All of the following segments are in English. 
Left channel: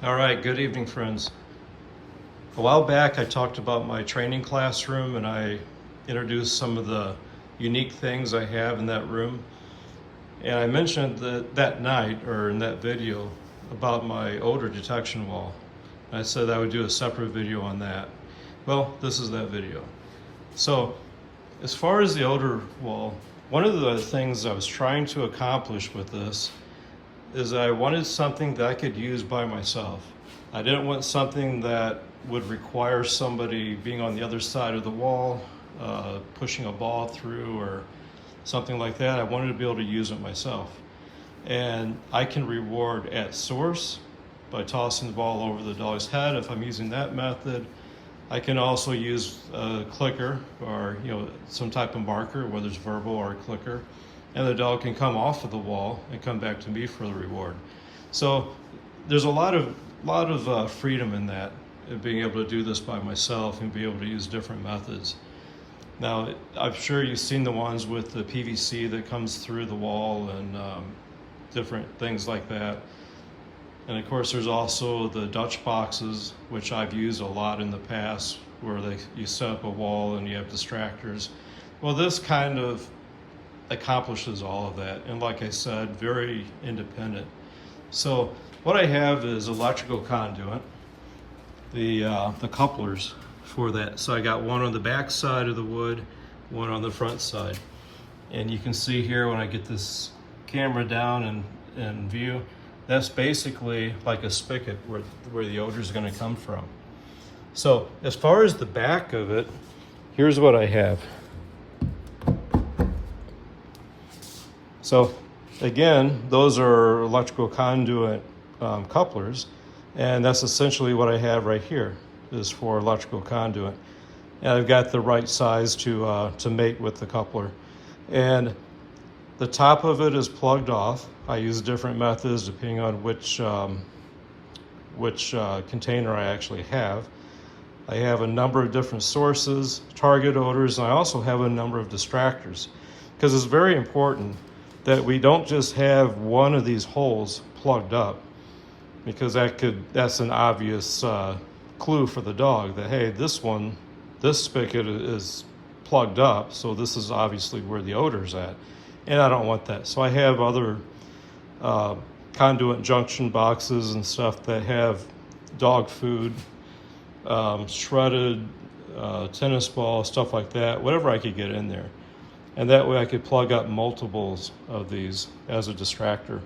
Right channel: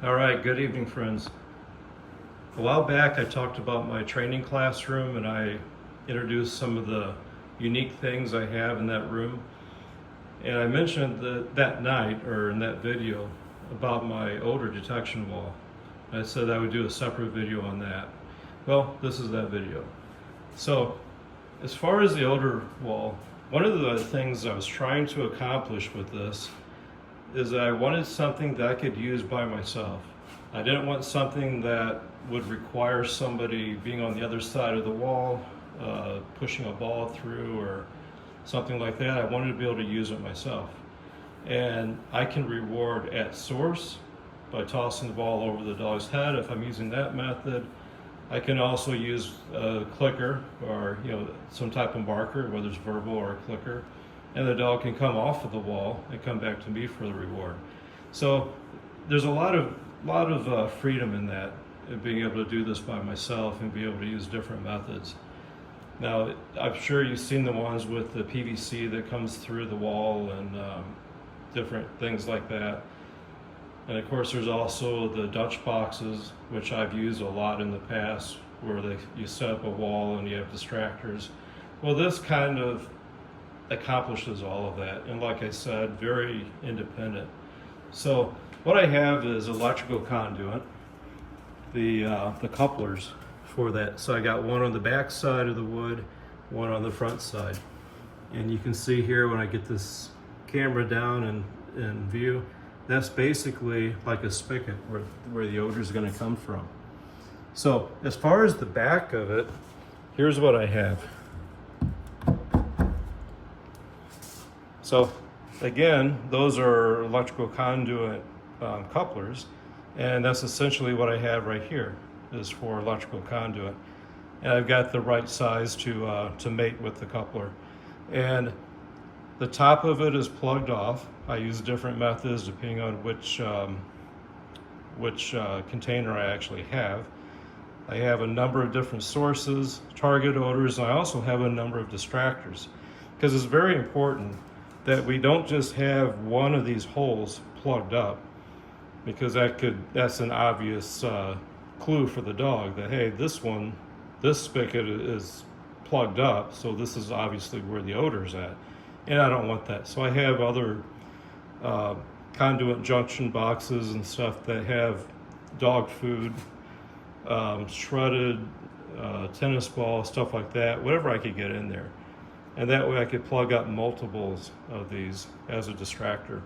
All right, good evening, friends. A while back, I talked about my training classroom and I introduced some of the unique things I have in that room. And I mentioned that night, or in that video, about my odor detection wall. I said I would do a separate video on that. Well, this is that video. So, as far as the odor wall, one of the things I was trying to accomplish with this is I wanted something that I could use by myself. I didn't want something that would require somebody being on the other side of the wall, pushing a ball through or something like that. I wanted to be able to use it myself. And I can reward at source by tossing the ball over the dog's head if I'm using that method. I can also use a clicker or some type of marker, whether it's verbal or a clicker, and the dog can come off of the wall and come back to me for the reward. So there's a lot of freedom in that, of being able to do this by myself and be able to use different methods. Now, I'm sure you've seen the ones with the PVC that comes through the wall and different things like that. And of course, there's also the Dutch boxes, which I've used a lot in the past, where you set up a wall and you have distractors. Well, this kind of accomplishes all of that, and like I said, very independent. So what I have is electrical conduit, the couplers for that. So I got one on the back side of the wood, one on the front side. And you can see here when I get this camera down in view, that's basically like a spigot where the odor is going to come from. So as far as the back of it, here's what I have. So again, those are electrical conduit couplers, and that's essentially what I have right here, is for electrical conduit. And I've got the right size to mate with the coupler. And the top of it is plugged off. I use different methods depending on which container I actually have. I have a number of different sources, target odors, and I also have a number of distractors, because it's very important that we don't just have one of these holes plugged up, because that's an obvious clue for the dog that, hey, this spigot is plugged up, so this is obviously where the odor's at. And I don't want that. So I have other conduit junction boxes and stuff that have dog food, shredded tennis ball, stuff like that, whatever I could get in there. And that way I could plug up multiples of these as a distractor.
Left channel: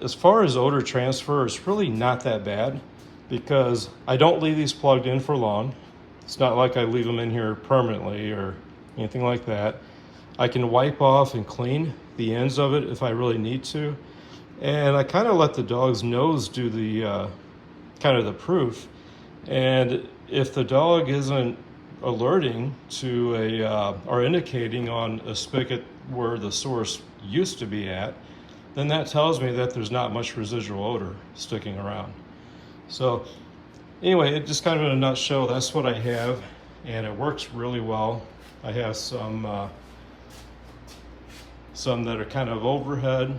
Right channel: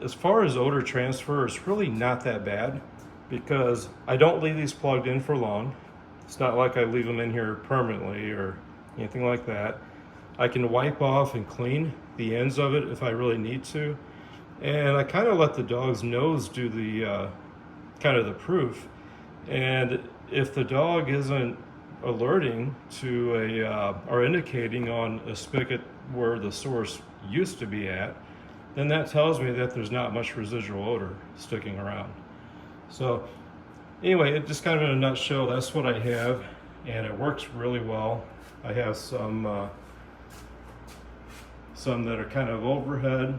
As far as odor transfer, it's really not that bad, because I don't leave these plugged in for long. It's not like I leave them in here permanently or anything like that. I can wipe off and clean the ends of it if I really need to. And I kind of let the dog's nose do the kind of the proof. And if the dog isn't alerting to or indicating on a spigot where the source used to be at, then that tells me that there's not much residual odor sticking around. So anyway, it just kind of in a nutshell, that's what I have, and it works really well. I have some that are kind of overhead,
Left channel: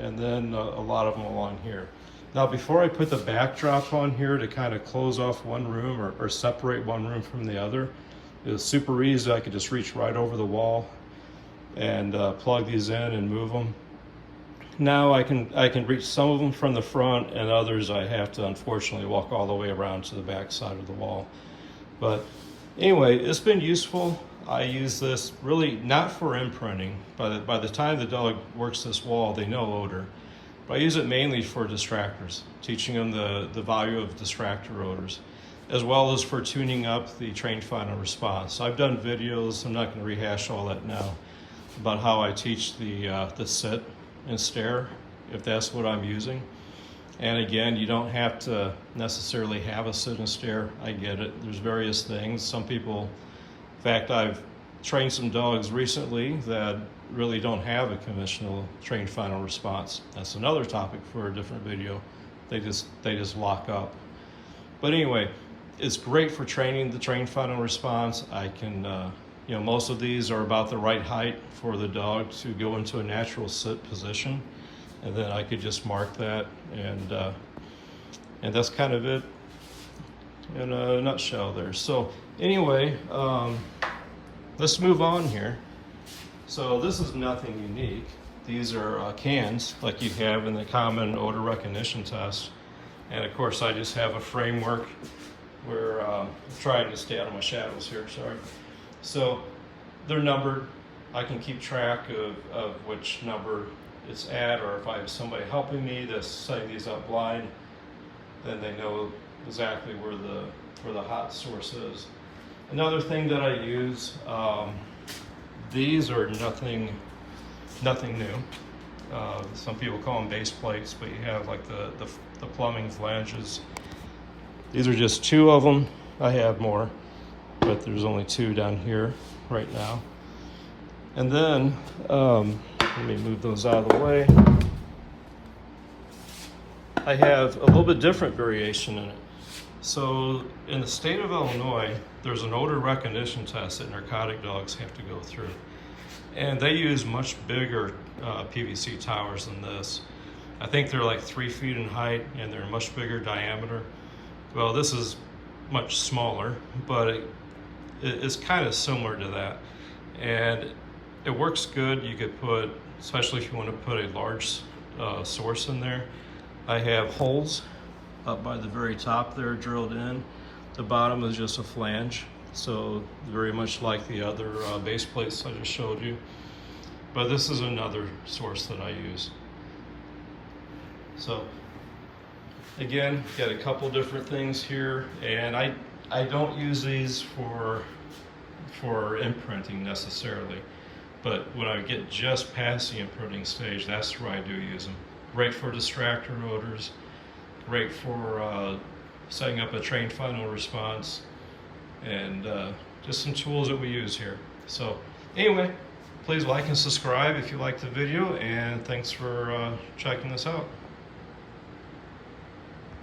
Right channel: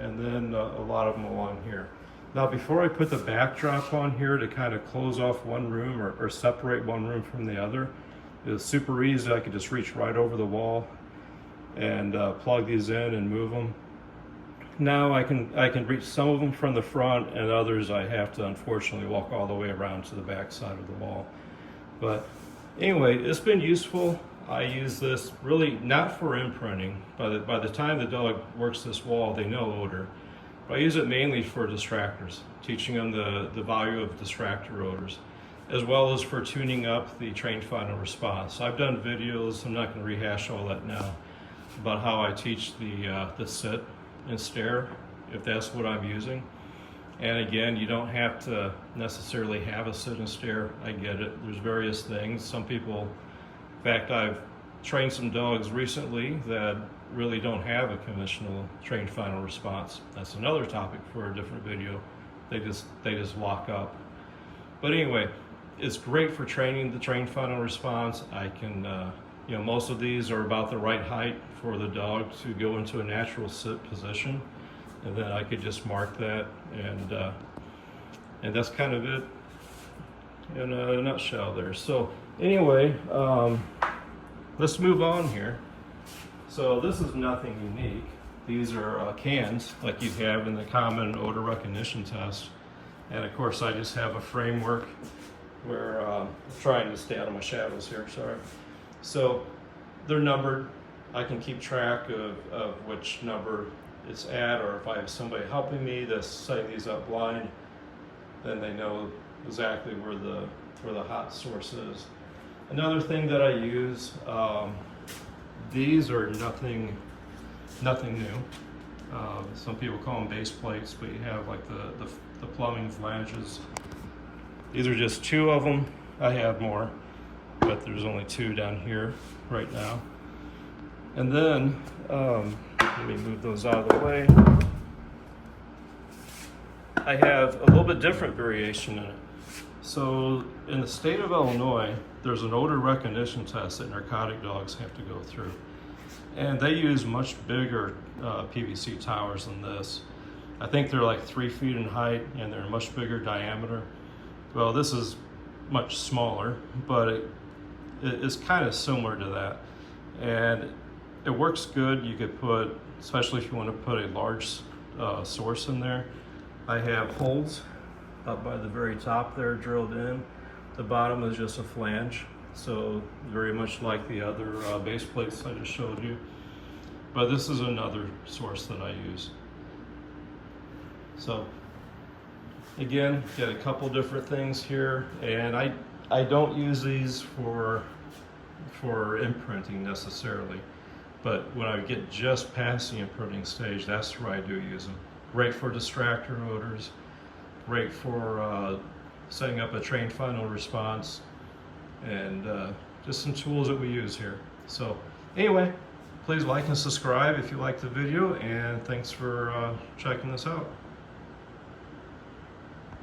and then a lot of them along here. Now, before I put the backdrop on here to kind of close off one room or separate one room from the other, it was super easy. I could just reach right over the wall and plug these in and move them. Now I can reach some of them from the front, and others I have to unfortunately walk all the way around to the back side of the wall. But anyway, it's been useful. I use this really not for imprinting. By the time the dog works this wall, they know odor. But I use it mainly for distractors, teaching them the value of distractor odors, as well as for tuning up the trained final response. I've done videos, I'm not going to rehash all that now, about how I teach the sit and stare, if that's what I'm using. And again, you don't have to necessarily have a sit and stare. I get it. There's various things. Some people, in fact, I've trained some dogs recently that really don't have a conventional trained final response. That's another topic for a different video. They just lock up. But anyway, it's great for training the trained final response. I can, most of these are about the right height for the dog to go into a natural sit position. And then I could just mark that and And that's kind of it in a nutshell there. So anyway, let's move on here. So this is nothing unique. These are cans like you have in the common odor recognition test. And of course I just have a framework where I'm trying to stay out of my shadows here, sorry. So they're numbered. I can keep track of which number it's at, or if I have somebody helping me that's setting these up blind, then they know exactly where the hot source is. Another thing that I use, these are nothing new. Some people call them base plates, but you have like the plumbing flanges. These are just 2 of them. I have more, but there's only 2 down here right now. And then, let me move those out of the way. I have a little bit different variation in it. So in the state of Illinois, there's an odor recognition test that narcotic dogs have to go through. And they use much bigger PVC towers than this. I think they're like 3 feet in height and they're much bigger diameter. Well, this is much smaller, but it's kind of similar to that. And it works good. You could put, especially if you want to put a large source in there. I have holes up by the very top there drilled in. The bottom is just a flange, so very much like the other base plates I just showed you. But this is another source that I use. So again, got a couple different things here, and I don't use these for imprinting necessarily, but when I get just past the imprinting stage, that's where I do use them. Great for distractor odors, great for setting up a trained final response, and just some tools that we use here. So anyway, please like and subscribe if you like the video, and thanks for checking this out.